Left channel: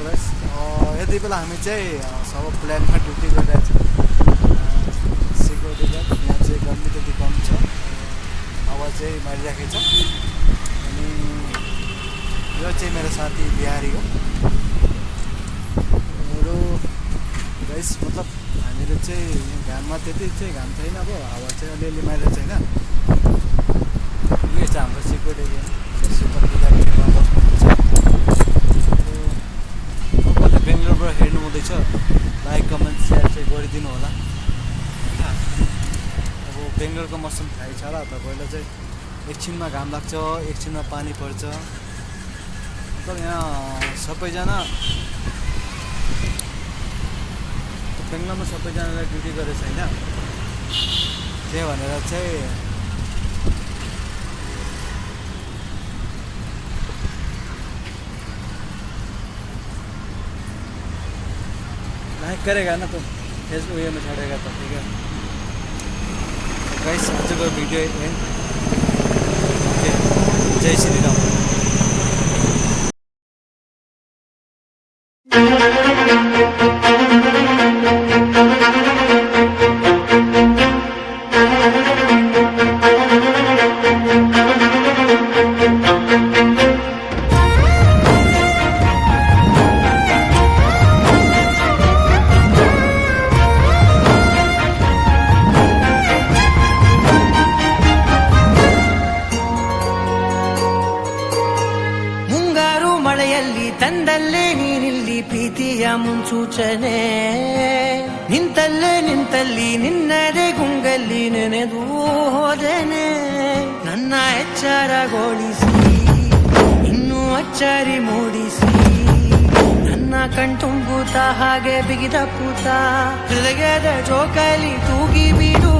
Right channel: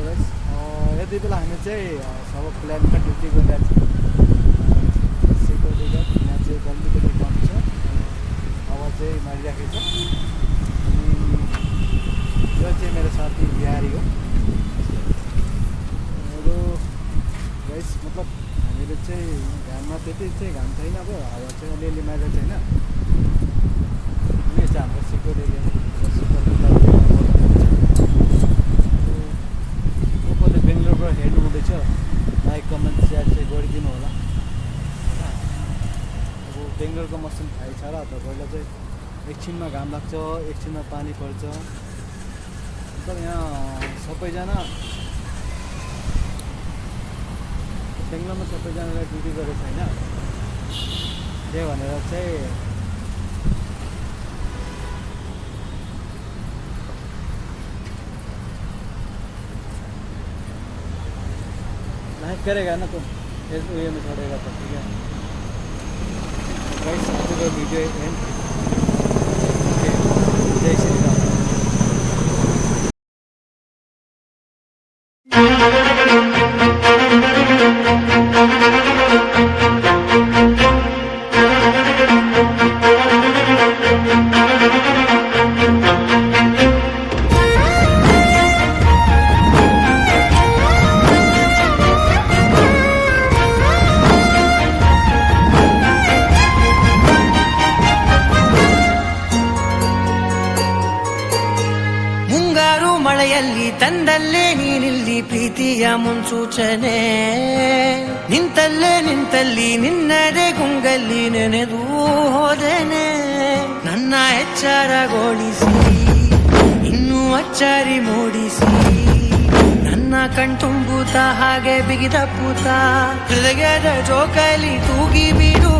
Hello guys, यति बेला हामी चाहिँ सब प्लानमा ड्युटी गरिरहेको छौँ। सिक्युरिटी गार्ड यहाँ चाहिँ अलिकति कम छ, आवाज चाहिँ मारिराखेको छ। अनि यो चाहिँ मेरो साथी बिहारी हो। मेरो गाइस मतलब हामीले चाहिँ घाममा त्यति चाहिँ घाम छैन, अब हावा चाहिँ अलिअलि मारिरहेको छैन। यो चाहिँ हाम्रो सिक्युरिटी सुपरभाइजर तपाईँले बेङ्गलोरबाट हेर्नु हुँदैछ, लाइक कमेन्ट सेयर चाहिँ गरिदिनु होला होइन। अब बेङ्गलोरको मौसम थाहै छ र तपाईँलाई चाहिँ एकछिनमा घाम लाग्छ, एकछिनमा पानी पर्छ। मतलब यहाँ सबैजना बेङ्गलोरमा सबैजनालाई ड्युटी गरेको छैन, त्यही भनेर चाहिँ लाइक करेगा ना तुम, फेसबुक ये में छोड़ेगा तो ठीक है। गाइस आज का वीडियो एंड, जय श्री राम। ಮಳೆಯಲ್ಲಿ ತಂದಲ್ಲೇ ನೀನಿಲ್ಲಿ ಪ್ರೀತಿಯ ಮುನ್ಸೂಚನೆ, ನಿಂತಲ್ಲಿ ನಿನ್ನದೇ ಗುಂಗಲ್ಲಿ ನೆನೆದು ಹೋದೆನೆ. ನನ್ನ ಎಚ್ಚರಗೊಳಿಸಿ ಇನ್ನೂ ಅಚ್ಚರಿ ಮೂಡಿಸಿ, ನನ್ನ ಕಣ್ತುಂಬುತ್ತ ಹಾಗೆ ಬಿಗಿದ ಪೂತ ಹೃದಯದ ಜೋಕಾಲಿ ತೂಗಿ ಬಿಡು.